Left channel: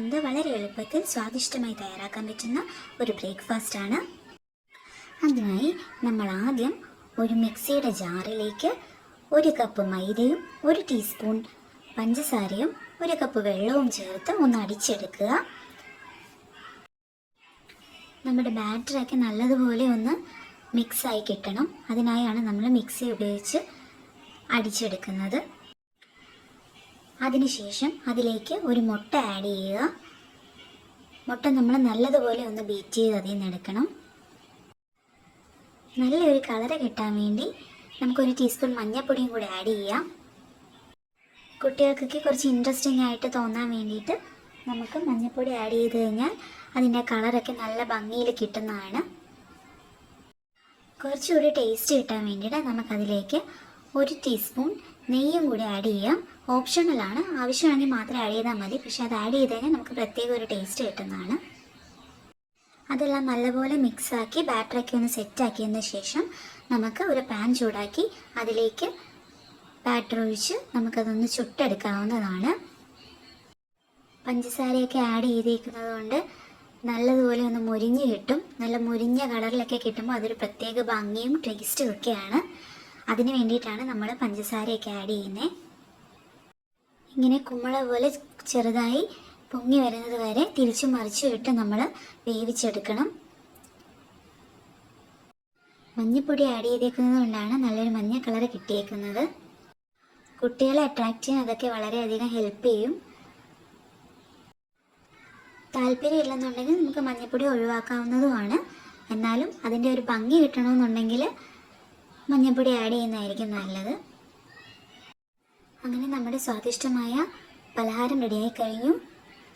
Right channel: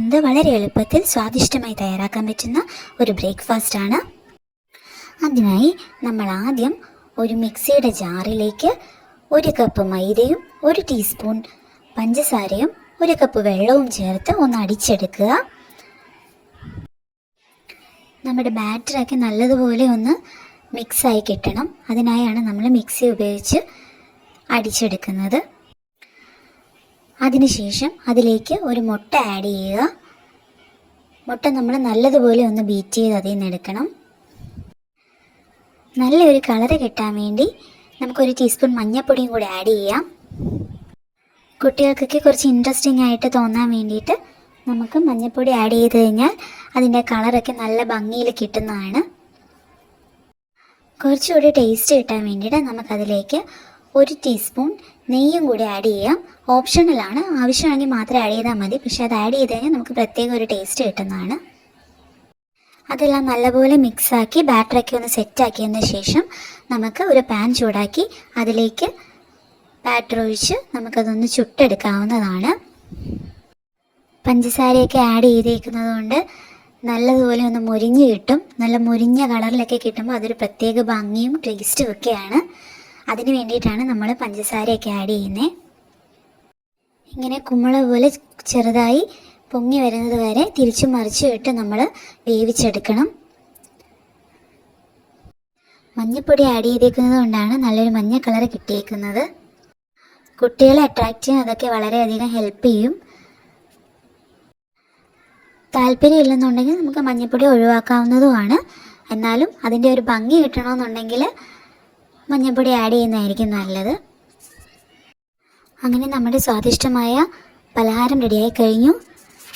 തയ്യാറാക്കുന്നത് വളരെ എളുപ്പത്തിൽ സ്വാദിഷ്ടമായി തയ്യാറാക്കാൻ പറ്റുന്ന ഒരു ബ്രേക്ക്ഫാസ്റ്റാണ്. അതിനായി നമ്മൾ ആദ്യം ഒരു മിക്സിയുടെ ജാറിലേക്ക് 1 കപ്പ് മൈദയും 1 ടീസ്പൂൺ പഞ്ചസാരയും 1 കപ്പ് വെള്ളവും ചേർത്ത് ഒന്ന് അടിച്ചെടുക്കുക. നമ്മുടെ ബാറ്ററൊക്കെ നല്ലതുപോലെ ഒന്ന് മിക്സായി കിട്ടണം. അതിനായാണ് നമ്മൾ മിക്സി ഉപയോഗിച്ച് അടിച്ചെടുക്കുന്നത്. അതിനുശേഷം അതിലേക്ക് ഒരു മുട്ട ആഡ് ചെയ്യുക. മുട്ട നമ്മൾ നല്ലതുപോലെ ഒന്ന് ബീറ്റ് ചെയ്ത് അതിൽ നിന്ന് എടുക്കണം. നല്ലൊരു കളറ് കിട്ടാൻ വേണ്ടി നമുക്കൊരു ടീസ്പൂൺ മഞ്ഞൾപ്പൊടിയും കൂടി ആഡ് ചെയ്യാം. കുട്ടികൾക്കൊക്കെ കുറച്ച് ഇൻട്രസ്റ്റിംഗ് ആയിട്ട് തോന്നാൻ വേണ്ടിയിട്ട് നമുക്ക് മഞ്ഞൾപ്പൊടി ആഡ് ചെയ്ത് കഴിഞ്ഞാൽ അതിൻ്റെ കളറൊക്കെ നല്ല ഭംഗിയിൽ കിട്ടുന്നതാണ്. കുറച്ചുകൂടി ടേസ്റ്റ് കിട്ടാൻ വേണ്ടിയിട്ട് നമുക്കതിലേക്ക് 1 ടീസ്പൂൺ നെയ്യും കൂടി ആഡ് ചെയ്യാം. ഓപ്ഷണലാണ്, ആവശ്യമാണെങ്കിൽ മാത്രം ആഡ് ചെയ്താൽ മതി. പക്ഷേ അത് ആഡ് ചെയ്ത് കഴിഞ്ഞാൽ നമുക്ക് പ്രത്യേക ഒരു ടേസ്റ്റ് കിട്ടുന്നതാണ്. അതെല്ലാം നല്ലപോലെ മിക്സാക്കി ബാറ്ററൊക്കെ ഒന്ന് സെറ്റാക്കിയതിന് ശേഷം നമുക്ക് ഒരു പാൻ ചൂടാക്കി അതിലേക്ക് ബാറ്റർ ഒഴിച്ച് നമുക്കതൊന്ന് ചുട്ടെടുക്കാവുന്നതാണ്. പഞ്ചസാരയൊക്കെ ആഡ് ചെയ്തേക്കുന്നത് കൊണ്ട് നല്ലതുപോലെ ഒന്ന് മുരിഞ്ഞ് കിട്ടും. നല്ല മുരിഞ്ഞ കളറിലൊക്കെ കിട്ടുമ്പോൾ അതൊരു പ്രത്യേക ഭംഗിയും ടേസ്റ്റും ഒക്കെയാണ്. അതിന് വേണ്ടിയിട്ടാണ് നമ്മൾ പഞ്ചസാരയൊക്കെ ആഡ് ചെയ്യുന്നത്. ഇങ്ങനെ കുമ്പിള പോലെ ചെറുതായി പൊങ്ങി വരുന്നത് വരെ തിരിച്ചും മറിച്ചും ഇട്ട് നമ്മൾ വേവിച്ചെടുക്കണം. മഞ്ഞൾപ്പൊടി ആഡ് ചെയ്തേക്കുന്നത് കൊണ്ടാണ് നല്ലൊരു മഞ്ഞ കളർ കിട്ടിയേക്കുന്നത്. കുട്ടികളെ അട്രാക്റ്റ് ചെയ്യാൻ അതൊക്കെ വളരെയധികം ഹെൽപ്പ് ചെയ്യും. താല്പര്യമില്ലെന്നുണ്ടെങ്കിൽ നമുക്ക് മഞ്ഞൾപ്പൊടി ഒഴിവാക്കാവുന്നതുമാണ്. എന്നാലും അതിൻ്റെ ഒരു ഭംഗി കിട്ടണമെന്നുണ്ടെങ്കിൽ മഞ്ഞൾപ്പൊടി ആഡ് ചെയ്യുന്നതായിരിക്കും നല്ലത്. അങ്ങനെ നമ്മുടെ സ്വാദിഷ്ടമായ പലഹാരം റെഡിയായി കഴിഞ്ഞു.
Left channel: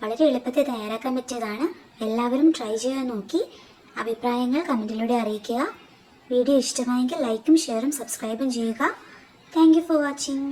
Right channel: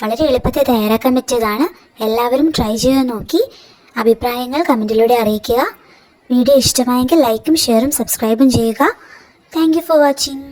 വളരെ എളുപ്പത്തിൽ തയ്യാറാക്കാൻ പറ്റിയതാണ്. എല്ലാവരും ട്രൈ ചെയ്ത് നോക്കി അഭിപ്രായങ്ങൾ കമൻറ്റിലൂടെ അറിയിക്കുക. വീഡിയോ ഇഷ്ടമായെങ്കിൽ ലൈക്കും ഷെയറും സബ്സ്ക്രൈബും ചെയ്യുക. Thank you for watching.